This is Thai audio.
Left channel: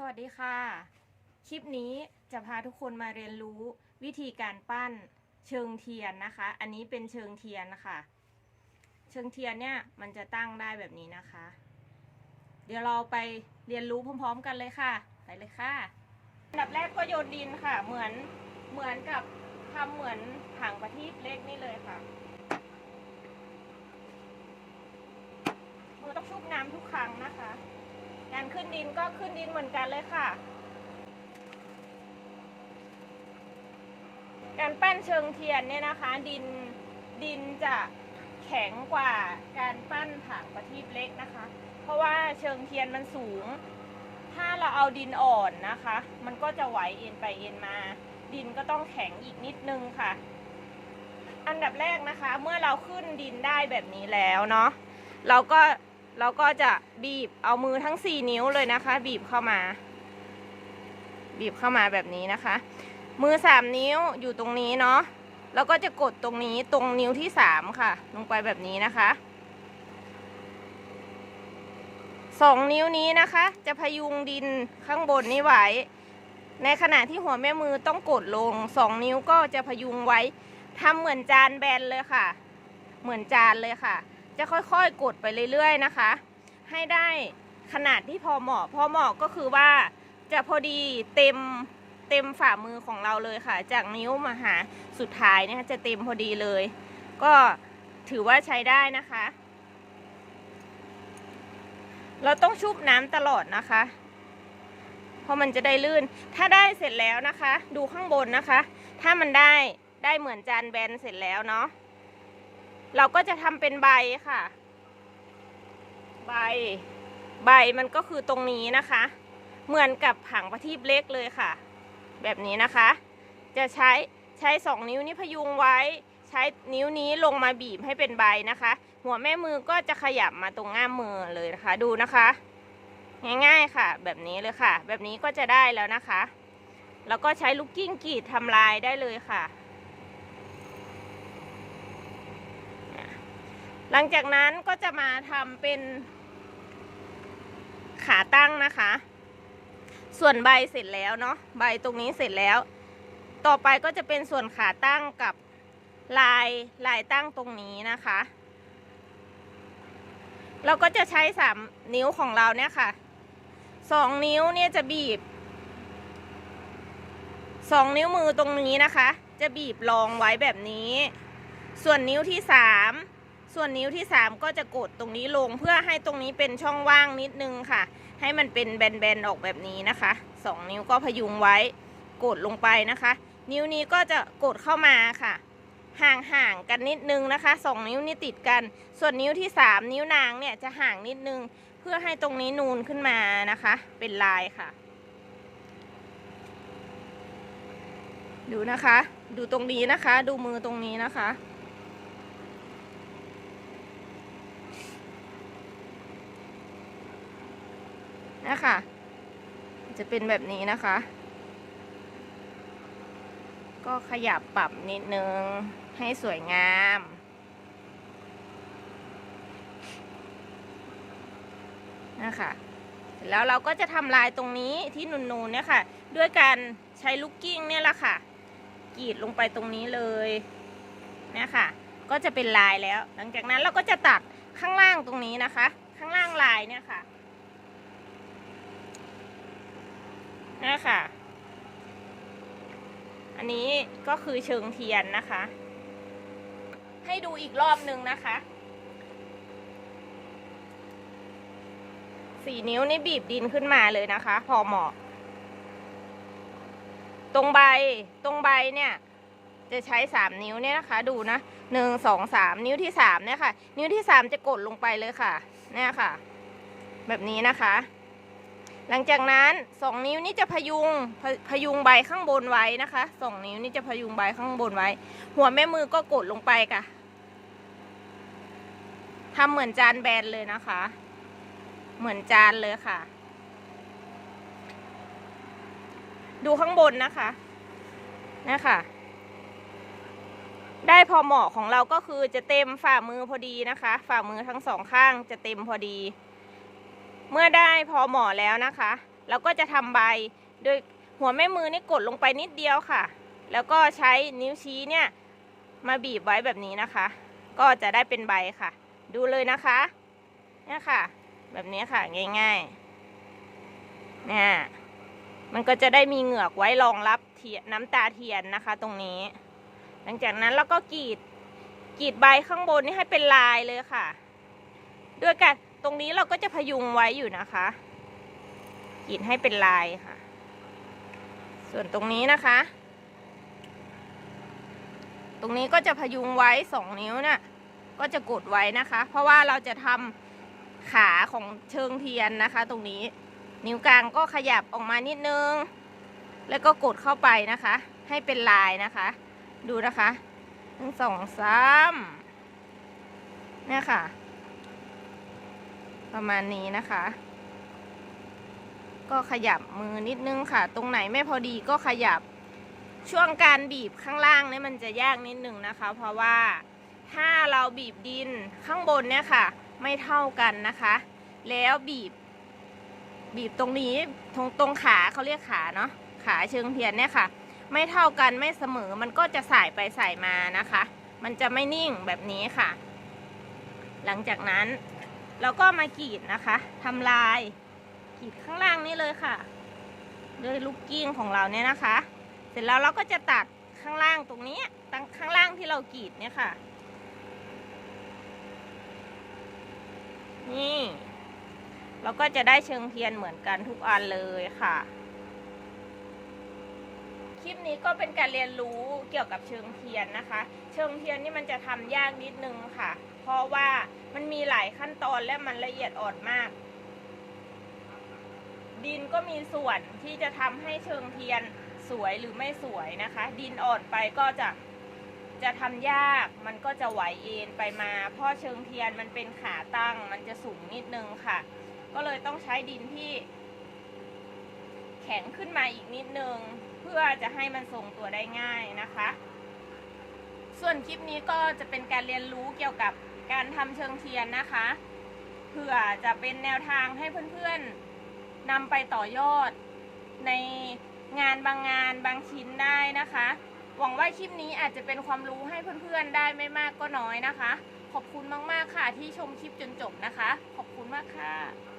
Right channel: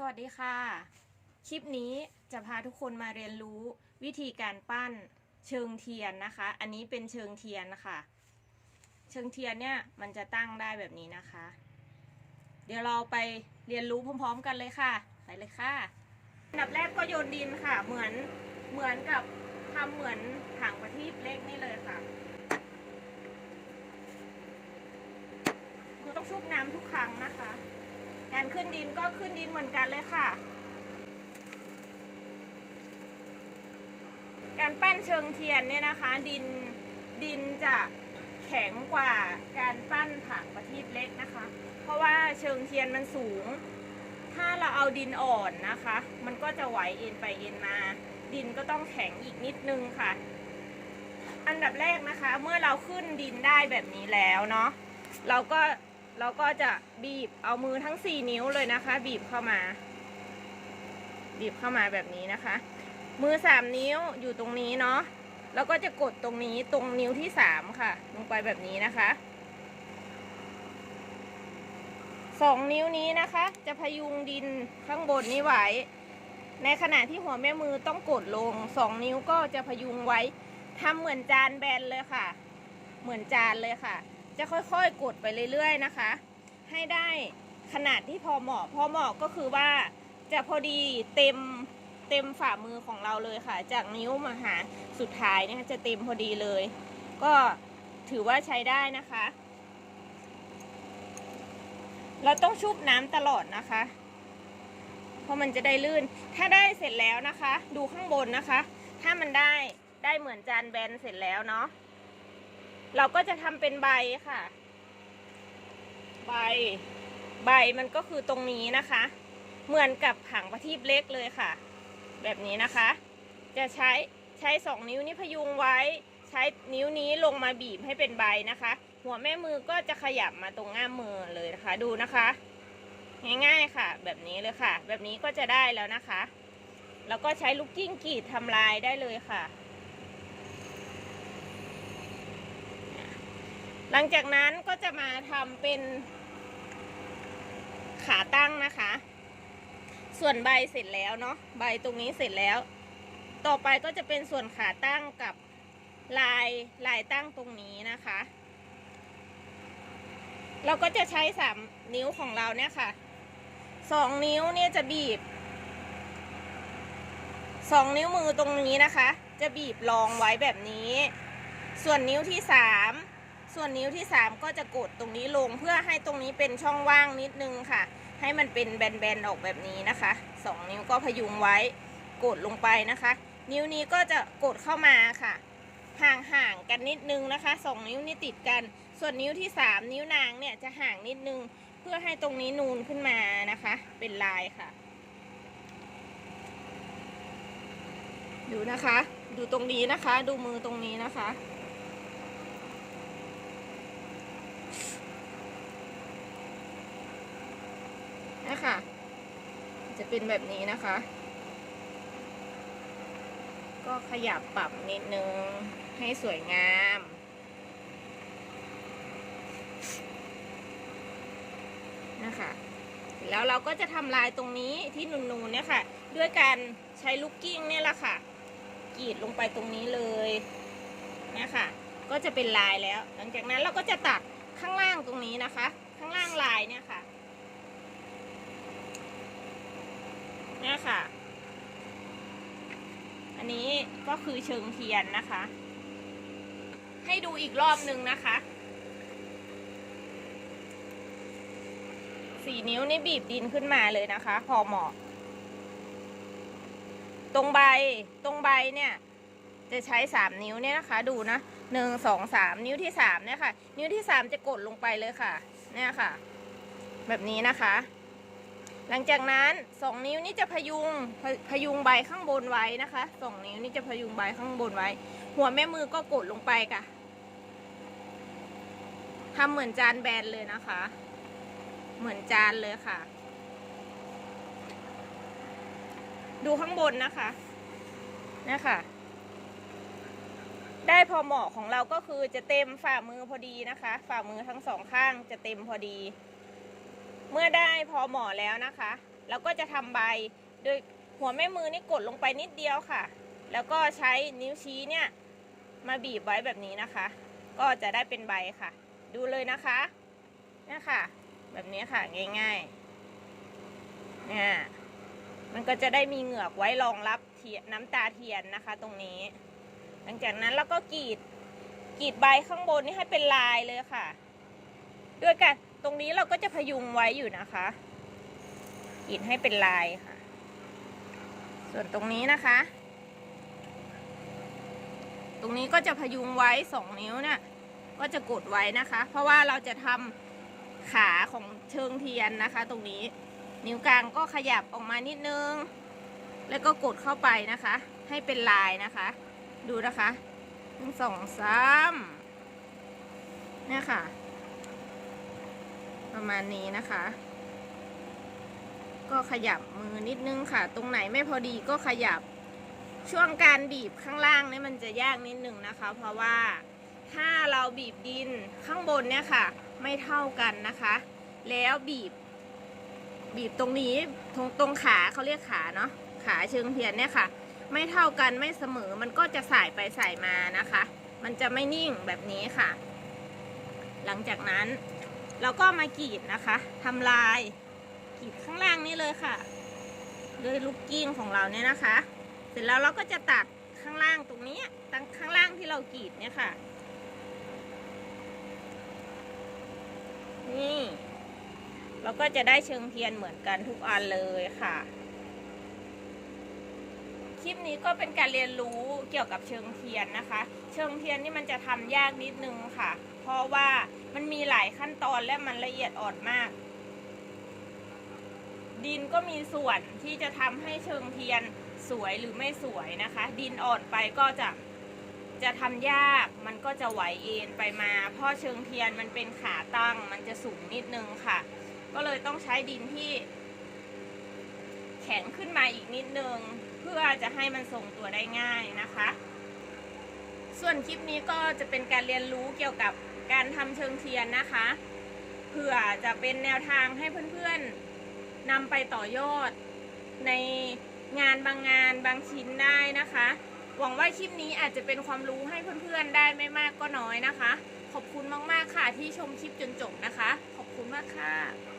สวัสดีค่ะ คลิปนี้จะพาทุกคนมาเรียนรู้วิธีการปั้นเชิงเทียนนะคะ อันนี้เป็นเชิงเทียนค่ะ เชิงเทียนเนี่ยมันจะตั้งได้แบบนี้นะคะ เดี๋ยวเราไปเรียนรู้พร้อม ๆ กันเลยค่ะ ไปเลยค่ะอันดับแรกก็โยนดินค่ะ เหมือนเหมือนกับทำเหมือนถังประทีปเล็กนี่เลยค่ะคือต้องชุบน้ำทุกครั้งนะคะ การขึ้นดินก็ขึ้นดินเหมือนกันเลยค่ะ การปั้นเชิงเทียนเนี่ยนะคะ ดินดินจะแข็งกว่าการปั้นผังประทีปเล็กนะคะ เพราะว่าเชิงเทียนมันสูง ถ้าเราเอาดินอ่อนนะคะ มันก็จะไหวเอ็นไปเอ็นมา ดินก็ต้องแข็งอีกนิดนึงค่ะ อันดับแรกนะคะ เมื่อเราขึ้นดินได้แบบนี้แล้วเนาะเราก็ เราก็จะบีบเอามือทั้งสี่นิ้วเลยนะคะ บีบเข้ามา บีบเข้ามาแบบนี้นะคะ มือสามนิ้วอยู่ตรงนี้เนาะแล้วก็จะกดตรงนี้ตรงนิ้วที่สามค่ะ ลงไปแบบนี้นะคะสองนิ้วนี้นะคะ จะพยุงดินข้างบนนี้ไว้ ในขณะที่หัวแม่มือต้องกดลงสองนิ้วก็จะพยุงไว้ทำเหมือนจานแบนเลยค่ะ เหมือนจานเลยค่ะ จะค่อยๆกดไปเรื่อยๆนะคะ ให้ได้ขนาดที่พอเหมาะ พอเหมาะก็คือว่าจะพอดีเต็มเต็มฝ่ามือของเราเลยค่ะ จากนิ้วมาหาสุดท้ายนี่ยจะเต็มพอดีเลย ก็ถือว่าใช้ได้นะคะ เราต้องชุบน้ำตลอดนะคะ เพราะมันจะได้ลื่น ถ้าได้เสร็จแล้วนะคะ ดูข้างบนนะคะ ถ้ามันได้ได้เหมือนจานแบนเสร็จแล้วเนาะ เราก็จะทำเป็นใบค่ะ ใบ ใบมันก็คือตรงนี้นะคะ เหมือนกับผังประทีปเล็กเลยค่ะ แบบนี้นะคะ จะใช้ใช้สองนิ้วนี้พยุงไว้ ใช้นิ้วนี้ลงมาบีบให้เป็นใบนะคะ หัวแม่มือก็จะขยับมาตรงง่ามมือเลยนะคะ ดูนะคะ ง่ายๆค่ะ แบบนี้เลยค่ะ แบบนี้ก็จะได้แล้วนะคะ แล้วก็ใช้ลูกกิ้งกรีดทำลายได้เลยค่ะ หลังจากนั้นก็จะมาทำเป็นขาตั้งนะคะ ส่วนใบเสร็จแล้วเนาะใบตรงนี้เสร็จแล้ว ต่อไปก็จะเป็นส่วนขาตั้งกับลายลายตั้งตรงนี้นะคะ เราก็จะใช้สามนิ้วของเราเนี่ยค่ะสองนิ้วเนี่ยจะบีบสองนิ้วมือตรงนี้นะคะ จะบีบรองไว้แบบนี้ ส่วนนิ้วที่สาม ส่วนนิ้วที่สามก็จะกดตรงนี้ลงเพื่อให้ตรงนี้เป็นช่องว่างนิดนึงค่ะ ให้มันเป็นแบนๆออกแบบนี้นะคะสองนิ้วก็พยุงไว้กดลงไปนะคะ นิ้วนี้ก็จะกดเข้ามาค่ะ ห่างๆกันนิดนึงนะคะสองนิ้วนี้ติดกัน ส่วนนิ้วที่สามนิ้วนางเนี่ยจะห่างนิดนึง เพื่อให้ตรงนี้นูนขึ้นมานะคะ เป็นลายค่ะ ดูนะคะ ดูตรงนี้นะคะ ดูมือตรงนี้นะคะ นะคะ จะเป็นแบบนี้นะคะ ก็ขยับปรับนิดนึงให้สวยงามนะคะแล้วเราก็จะทำลายตรงนี้ที่นูนๆเนี่ยค่ะ ด้วยการใช้ลูกกิ้งเนี่ยแหละค่ะกรีดลงไปตรงนี้เลยเนี่ยค่ะ ก็จะเป็นลายแล้ว หลังจากนั้นเราก็จะตัดข้างล่างตรงนี้นะคะ ข้างล่างลายเนี่ยค่ะ นี่ค่ะ อันนี้ก็คือเชิงเทียนนะคะ ให้ดูอีกรอบหนึ่งนะคะสี่นิ้วนี่บีบดินขึ้นมาเลยนะคะ พอเหมาะ ตรงใบตรงใบเนี่ย จะใช้สามนิ้วเนี่ยนะคะ ดูนะหนึ่งสองสามนิ้วที่สามเนี่ยค่ะ นิ้วที่สามจะกดลงไปเลยค่ะ เนี่ยค่ะ แบบนี้นะคะ หลังจากนั้นสองนิ้วนี่จะพยุงพพยุงใบข้างบนไว้นะคะสองนิ้วนี่จะพยุงใบข้างบนไว้ หัวแม่มือก็กดลงไปค่ะทำเหมือนจานแบนเลยนะคะ เหมือนจานเลยค่ะ ดูข้างบนนะคะนะคะได้พอเหมาะของเราก็คือจะเต็มฝ่ามือพอดีนะคะ ฝ่ามือทั้งสองข้างจะเต็มพอดี เมื่อได้พอเหมาะแล้วนะคะแล้วก็จะทำใบโดยหัวแม่มือนี่กดลงไปนิดเดียวค่ะ แล้วก็ใช้นิ้วชี้เนี่ยมาบีบไว้แบบนี้นะคะ ก็จะได้เป็นใบค่ะ ดูเลยนะคะเนี่ยค่ะ แบบนี้ค่ะง่ายๆเนี่ยมันก็จะได้มีเหงือกไว้รองรับเทียนน้ำตาเทียนนะคะ ตรงนี้ หลังจากนั้นเราก็กรีดกรีดใบข้างบนนี่ให้เป็นลายเลยค่ะ ด้วยกัน ตรงนี้เราก็จะพยุงไว้อยู่นะคะกรีดให้เป็นลายค่ะ ส่วนตรงนี้นะคะ ตรงนี้ก็จะพยุงไว้สองนิ้วน่ะก็จะกดไว้นะคะ เพราะว่าเราจะทำขาของเชิงเทียนนะคะ ตรงนี้นิ้วกลางก็ขยับออกมานิดนึง แล้วก็กดเข้าไปนะคะ ให้เป็นลายนะคะ ดูนะคะหนึ่งสองสามเนี่ยค่ะ ประมาณนี้นะคะ ก็ขยับมือนิดนึงค่ะ ตรงไหนไม่พอดีก็ขยับช่วงการบีบข้างล่างนี่มันจะยากนิดนึงนะคะ เพราะว่าถ้าเราบีบดินข้างบนเนี่ยค่ะ ไม่เท่ากันนะคะ แล้วบีบ บีบตรงนี้ตรงตรงขาเขาเรียกขาเนาะขาเชิงเทียนเนี่ยค่ะ ไม่เท่ากันไม่เสมอมันก็จะสายไปสายมานะคะ มันจะไม่นิ่งแบบนี้ค่ะ หลังจากนั้น เราก็มากรีดนะคะทำลายกรีดข้างล่างนี่เลยค่ะด้วยลูกกิ้งของเราเนี่ยนะคะ เสร็จแล้วเราก็จะตัดข้างล่างตรงนี้ตั้งข้างล่างที่เรากรีดเนี่ยค่ะ นี่ เราก็จะได้เชิงเทียนเหมือนกันทุกอันเลยค่ะ คลิปนี้ก็เป็นการเรียนรู้เกี่ยวกับเชิงเทียนนะคะ เชิงเทียนนี่มันจะทำยากนิดนึงค่ะ เพราะว่า มันมีหลายขั้นตอนและมันละเอียดอ่อนมาก ดินก็มีส่วนที่จะทำให้เชิงเทียนสวยหรือไม่สวยนะคะ ดินอ่อนไปก็จะจะทำยากมันก็จะไหวเอ็นไปมา เพราะเชิงเทียนมันเป็นขาตั้ง มันจะสูงนิดนึงค่ะ ก็เลยต้องใช้ดินที่ แข็งขึ้นมาอีกนิดนึง เพื่อจะให้มันทรงตัวได้ง่ายนะคะ ส่วนคลิปนี้ก็จะเป็นการเรียนรู้เกี่ยวกับ การทำเชิงเทียนนะคะ เผื่อจะเป็นแนวทางให้เพื่อนๆนำไปต่อยอด ในงานบางงานบางชิ้นได้นะคะ หวังว่าคลิปนี้อาจจะเป็นความรู้ให้เพื่อนๆได้ไม่มากก็น้อยนะคะ ขอบคุณมากๆค่ะที่ชมคลิปจนจบนะคะ ขอบคุณมากค่ะ